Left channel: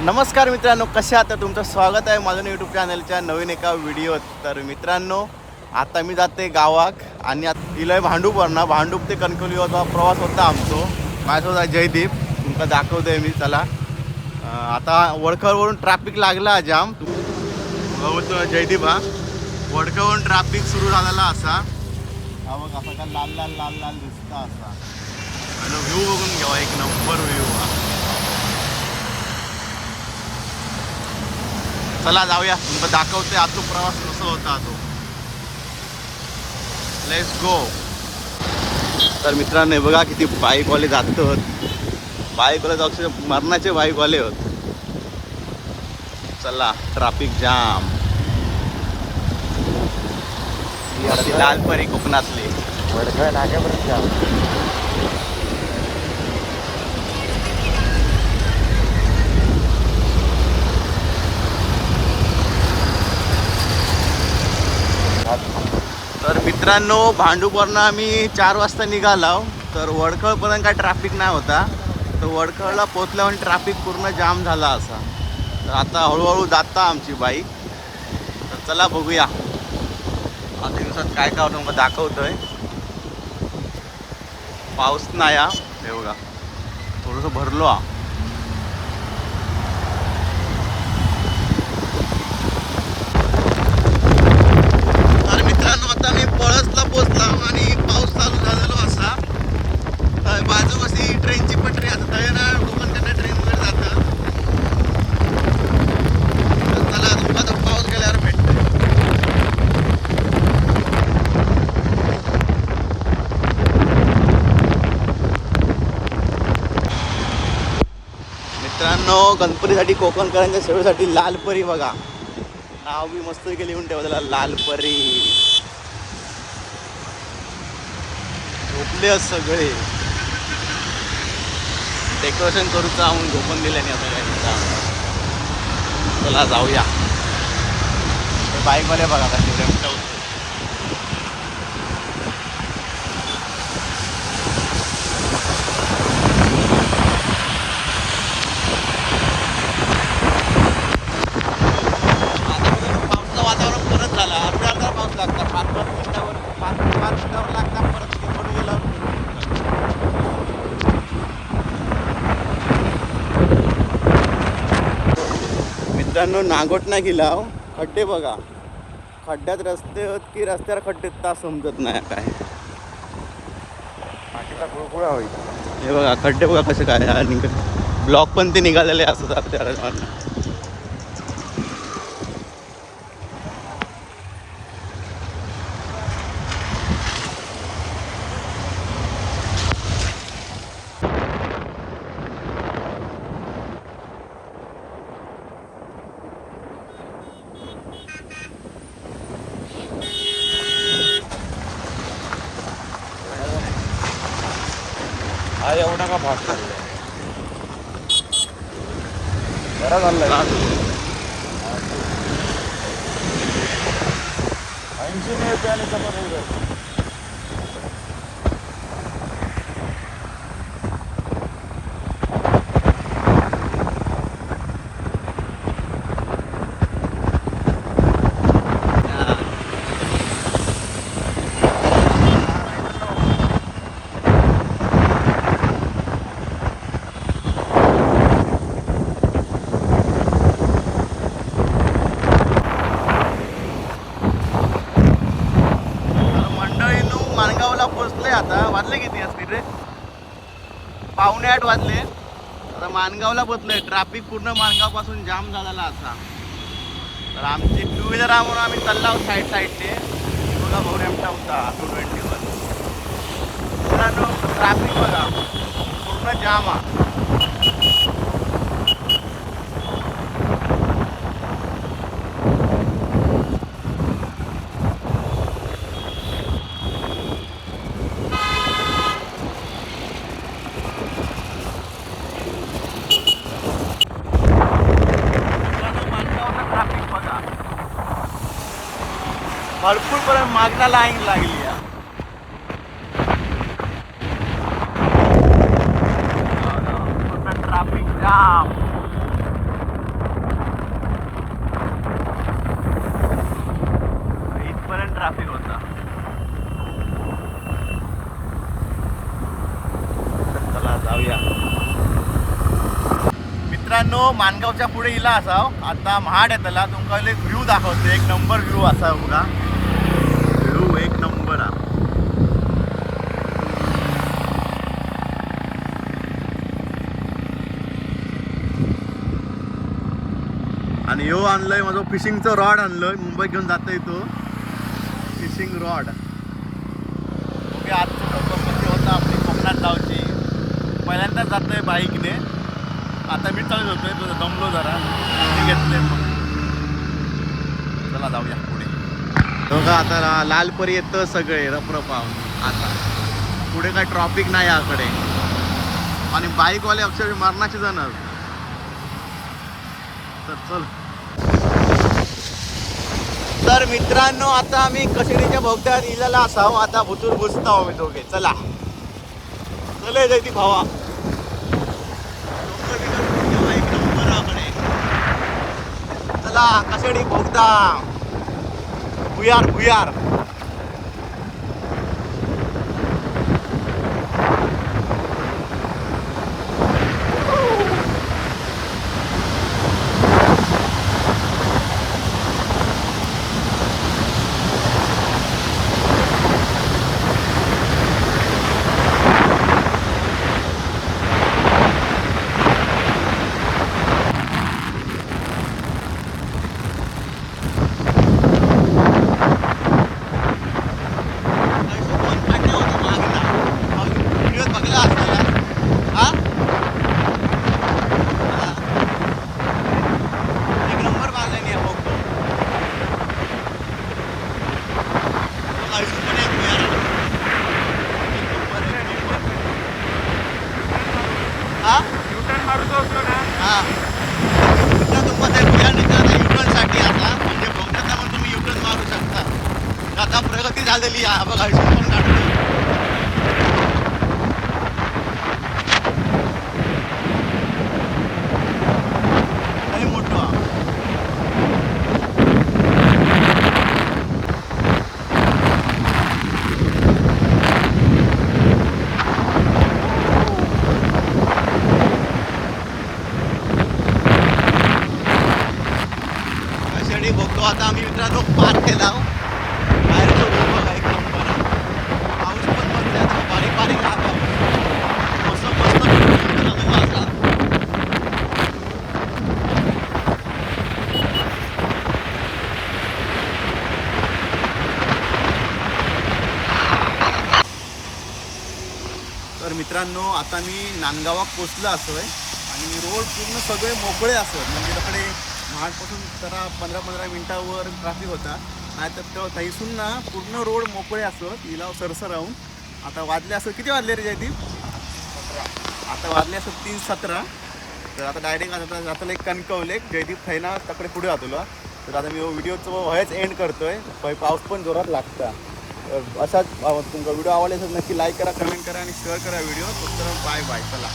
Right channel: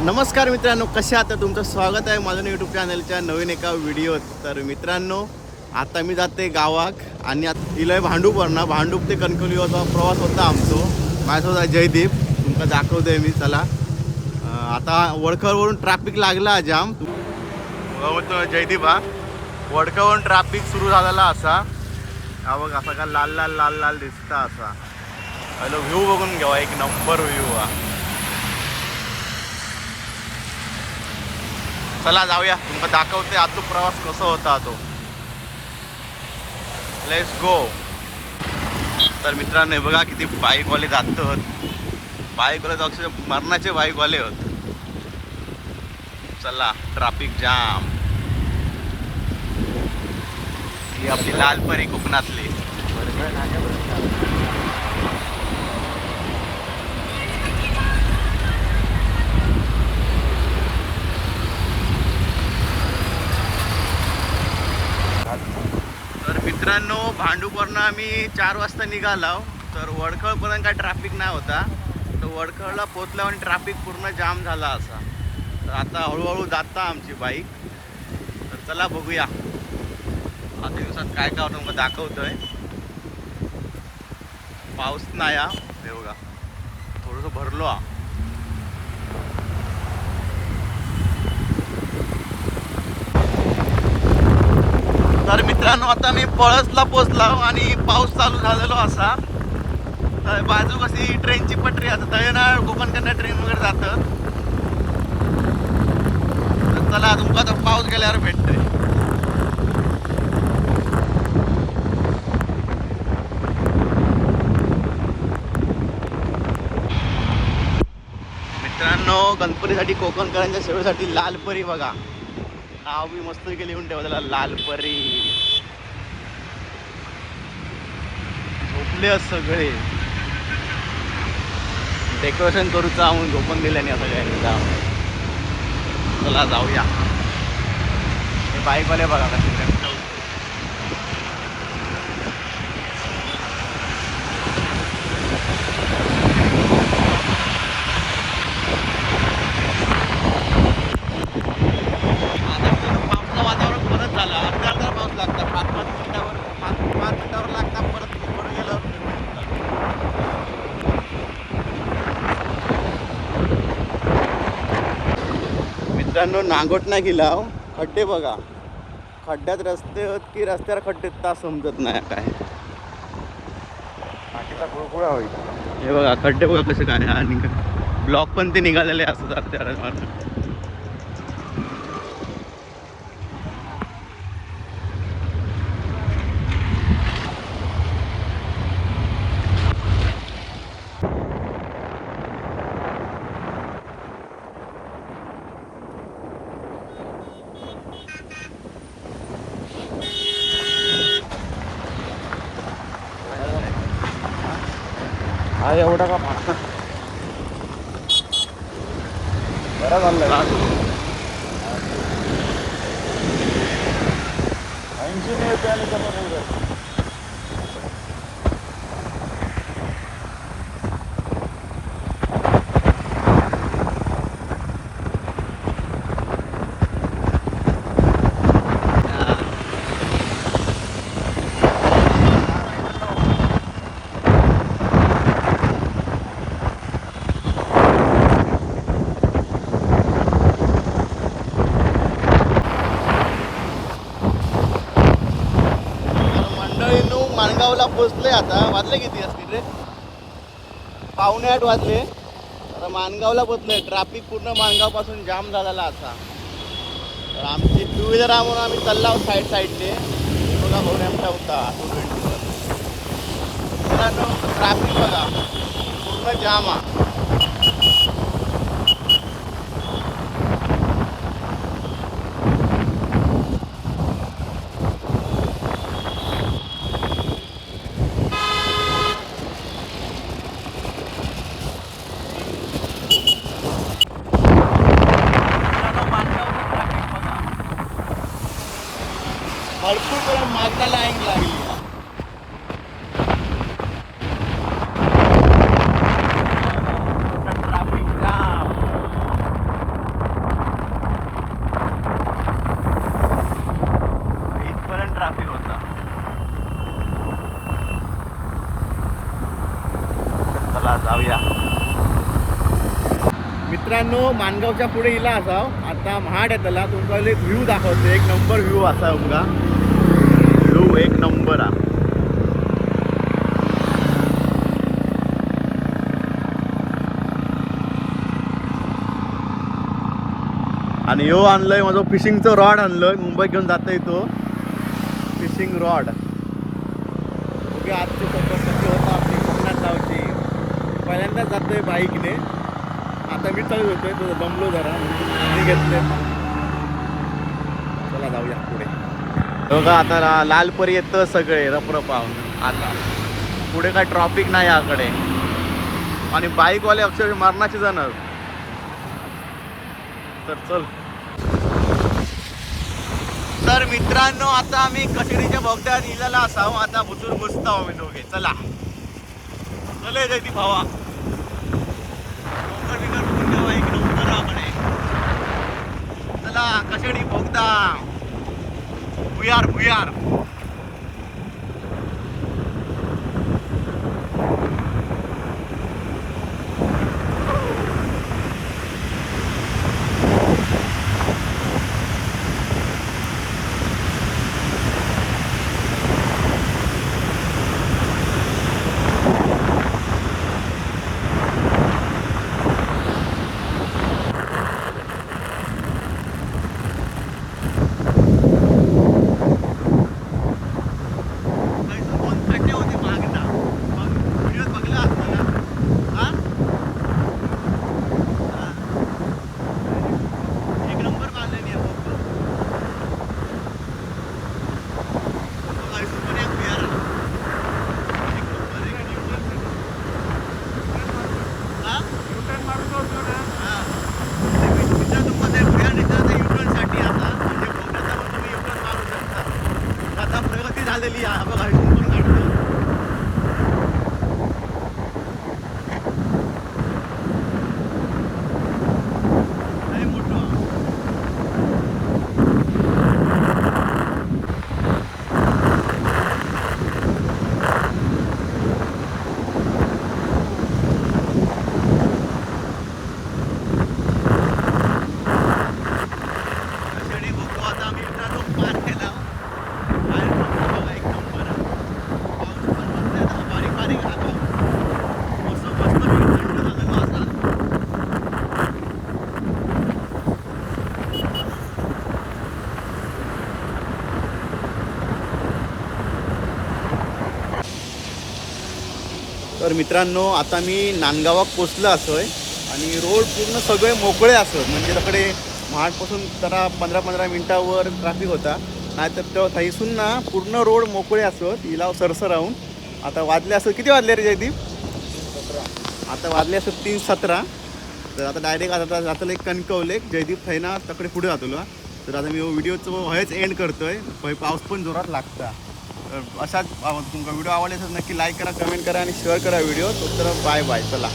नमस्कार मित्रांनो कसे आता तुमचं स्वागत आहे माझ्या यूट्यूब चॅनलच्या नवीन एका व्हिडिओत तर मित्रांनो आता मी जाते गावाक आणि आता इलय भांडूपवरनं. भांडूप ते कणकवलीवरचा प्रवास होता आमचो. माझ्यासोबत आहे जयदीप. तुमका दाखवतोय मी चला. आता वडखळवरून ट्रॅफिक लागला जाम. जयदीप हा. वडखळवरून ट्रॅफिक सुरू झालेला असा. हा बघ असा का लाल लाल लाल लाल दिसता असा. पहिलं व्ह्यू बघून घेऊ एक नंबर व्ह्यू हा. चला जाऊया. तुमका दाखवते आतो प्रवास कसा होता तो. लेट्स गो तर मित्रांनो हे बघा किती बाईकवाले जात बाईकवाले अक्षर मरणाचे बाईकवाले होत. चला ट्राफिक जाम ही आपली लालपरी कोकणातली. तर मित्रांनो भांडूपवरनं आम्ही चार वाजता निघालो. तर वडखळपर्यंत काय ट्रॅफिक नाही होता. तर वडखळला पोचल्यावर ट्रॅफिक पूर्ण जाम झाला असा. तर आता हळूहळू जाता आमची बाईक तर चला बघूया. आता दिवसात काय काय होतं मग दाखवतोय. पाऊस नाही हा. हे बघा. थोडंसं भरलो हा तर मित्रांनो आता मी पळसला पोचला हो आणि पाऊस चालू झालेलो असा. बाजू कशी ट्रेनची पटरी आता तळेना कोकणकडनं ट्रेन वगैरे जातं. तर चला तुमका तो पाऊस गेल्यावर भेटतोय. मित्रांनो गणपतीसाठी कोकणकरांच्या सेवेसाठी लालपरी बघा. नाव बी मस्त केली लिहून ठेवलेला लालपरी. झोपले सगळे. डेकोरेशन करूचा म्हणून झोपून दिल्याने आता काय नाही चला जाऊया. बाईकवाले बघा कशी मित्रांनो नागोट नाही गेला खड्डे बघा. खड्ड्यात रस्ते होत की रस्त्यावर खड्डे तास समजत नाही काय हे बघा खड्डे बघा कसे काय आणि ब्लॉक पण ते निघालेले असतात टाका भाव? बरा झाला. आणि पोचलोय पोचले आता. वाजले किती असतील रे? पावणे आठ वाजले. आता माणगावला पोचलोय. ट्रॅफिक पूर्ण माणगावपासून जाम झालेला असा तर आमची टू व्हीलर म्हणून आम्ही चालला आहोत साईड साईडने बघा होऊन नेमचा होता. टू ट्वेंटी ट्रॅफिक बघा. पूर्ण जाम आहे. बाजूला लाईन लागली मित्रांनो मानगावच्या पुढे इला असाव आता महाड येतला. तुमचा व्ह्यू दाखवतो. एक नंबर व्ह्यू असा बघा आणि यो आणलंय माझं फिशिंगचं रॉड आणलंय. मुंबईत घेऊन जाता येतो फिशिंग रॉड म्हणजे आजची कशी होता आपली कोकणात जावची पहिल्यांदाच जातोय बाईकने. आता मी चालत होतोय तो दमलो जरा. मी घेतलं चला जाऊया पुढे. बघा आता ला- लालपरी येतं सगळे रपरपाव. आता. पुढे काय ट्रॉफिक नाही याकडे. आणि बाईकवाले अक्षर मरणाचे जाणार. तर चल. तर मित्रांनो आता आम्ही कशेरीच्या भोगद्यात इजाला असाव. आता भुतूर घुसतो आम्ही दोघे. चला. चल ती भावा. डोंगर एक नंबर चला कशेडी भोगदा. भुयार भुयार. आता प्रगती झालेली आहे बघा पण काढतो लय मोठं हा. कशाने बघतो आता आम्ही मित्रांनो पार केला बाहेरचं बघू बघा एक नंबर आहे. पाऊस पण मस्त आहे आता, बारीक बारीक हा पाऊस. मस्त मस्त फिरतो ना तो असा. तर मित्रांनो आता मी नांदगावात पोचलो आहे आणि रोड पूर्ण सगळे मोकळे असत म्हणजे तिकडे महाडपासून जरा पंधरा पंधरा मिनटावर ट्रॅफिक होता. नाहीतर तेव्हा थैसून ना पूर्ण रोड मोकळे असत हिला सरसर राहून. आता वाजले असं किती वाजले रे जयदीप? आता वाजले असं तीन सतरा. तर आता डायरेक्ट आता जातलं एक कणकवले जयदीप थैना तकडे पुढे जातलो. तर आता मी व्हिडिओचं व्हायच एंड करतोय. पाऊस पण जोरात लागता. तर अशाच तुमचा व्हिडिओ आवडला असेल नक्की लाईक करा कमेंट करा आणि शेअर करा व्हिडिओ. तर बाय बाय चला.